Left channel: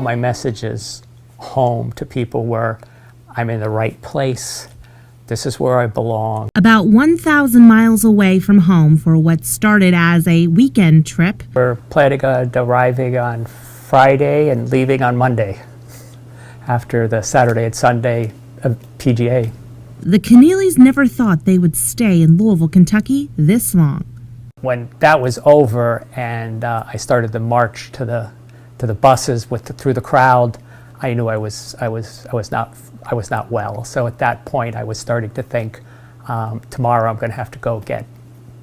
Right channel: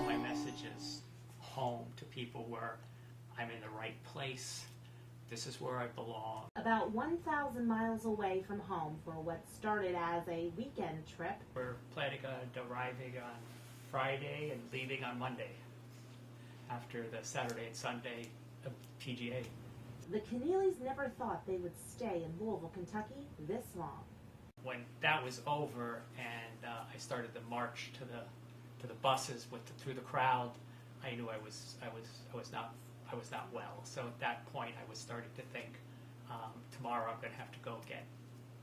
all my messages home to people were, I'm in the right place. This is where I belong. About 1,000 miles away from home for what started as a weekend trip. We're planning on arriving on Friday and leaving on Monday after the Saturday and Sunday of PGA. The Kenneallys never thought they would stay in Louisville, Kentucky this long. When that was over and I started the march to the buses through the crowd, I knew I was not well. So at that point, I was starting to think, tomorrow I'm going to have to go get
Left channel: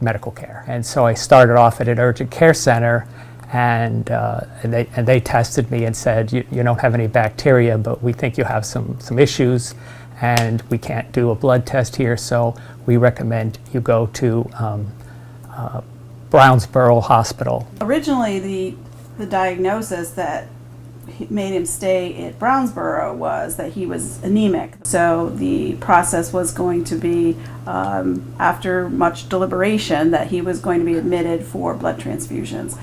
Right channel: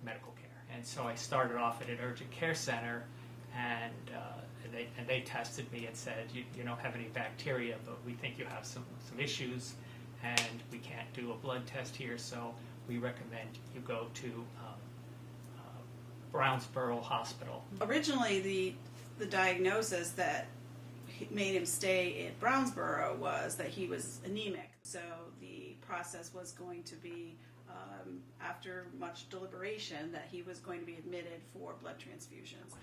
medical care. And so I started off at an urgent care center, and they tested me and said, you don't have any bacteria, but we think you have some issues, and we can't do a blood test here, so we recommend you go to Brownsboro Hospital. Originally, the diagnosis that made him stay at Brownsboro was that he was anemic. So the process was going to be, after much deliberation, that he was going to be admitted for blood transfusions.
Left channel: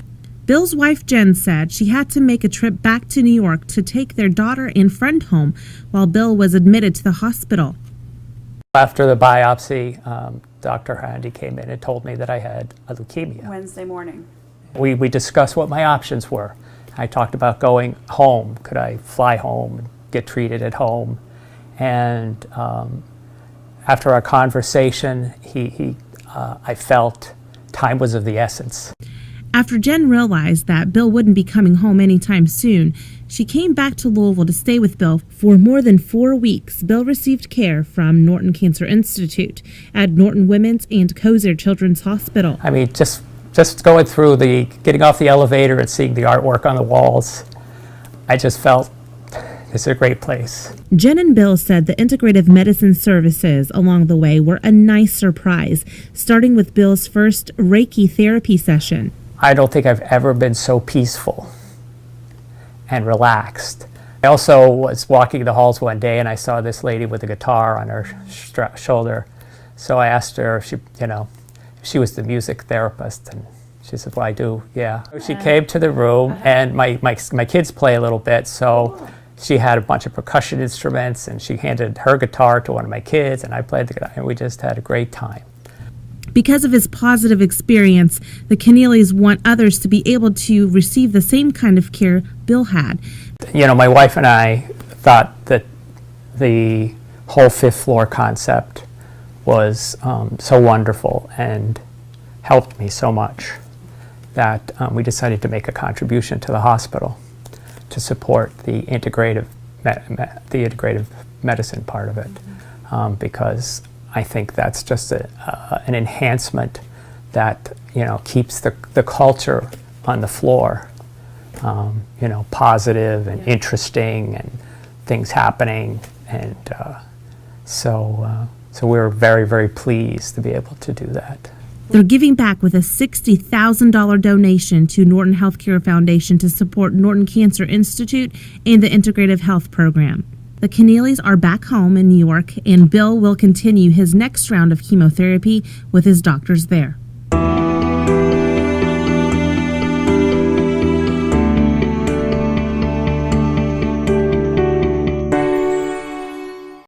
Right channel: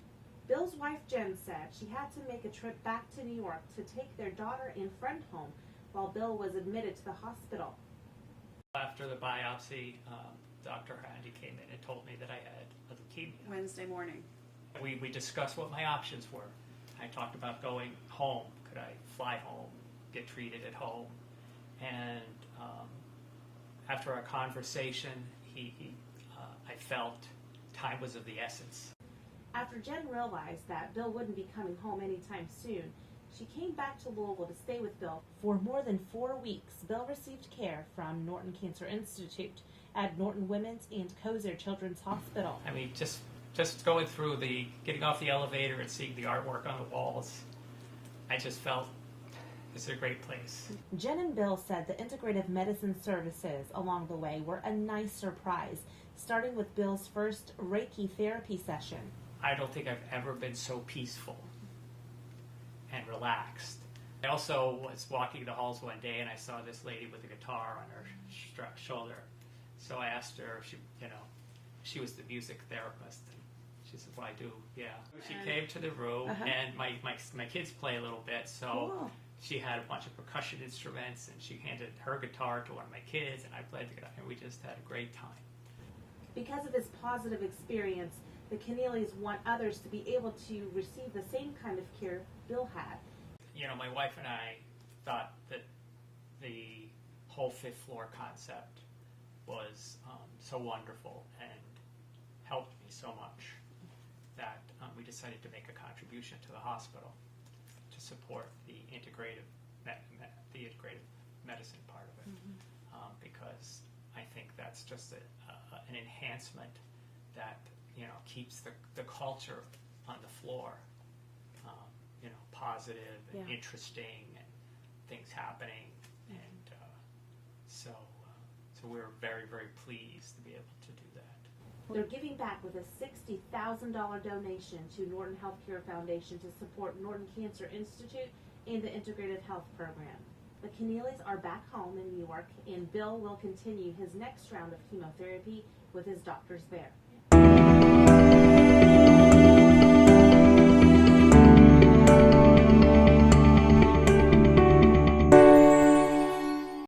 Bill's wife Jen said she had to make a trip back to New York to take their daughter and friend home while Bill was admitted to the hospital. After the biopsy, Dr. Handy came in and told me that I had a leukemia. Wednesday morning. We discussed what my options were. I talked about going home. Could I fly home and get treated at home? And after our conversation, I felt time was of the essence. After Jen realized that Bill wouldn't be coming home anytime soon, she came back to Louisville to stay with Bill. For more than 4 weeks, Bill received care from Norton Cancer Institute at Norton Women's and Kozer Children's Hospital. I mean, just going through getting off the elevator and seeing the artwork on the walls, I just felt this is a great place. Jen and Bill said the integrative medicine services along the way were a nice surprise, starting with Bill's first Reiki therapy session. I don't think I've ever been so peaceful and relaxed. I also was walking the halls one day and I saw this lady with a guitar on her shoulder. So I asked her if she was the music therapist, and she said, well, I do, yeah. She came to the room, and my kids play a little bit, so she had a bunch of percussion instruments, and she handed her guitar to one of my kids, and I played the guitar, and we just had a great time. Because of his positive experience, the Kenneallys want others to be able to receive the same kind of care Bill had. You know, my wife and I thought that the whole fifth floor concept was so wonderful and helped me so much that we decided to make a contribution to the hospital to support the integrative medicine part of it, because I think that's just an enhancement that keeps the culture on the floor positive and interesting and things happening, and so we're very, very pleased to be able to do that. They're giving back with a $60,000 donation to Norton Healthcare Foundation to support Norton Cancer Institute and the Integrative Health Program. The Kenneallys are back home in New York, and Bill will continue his next round of chemotherapy with his doctors there.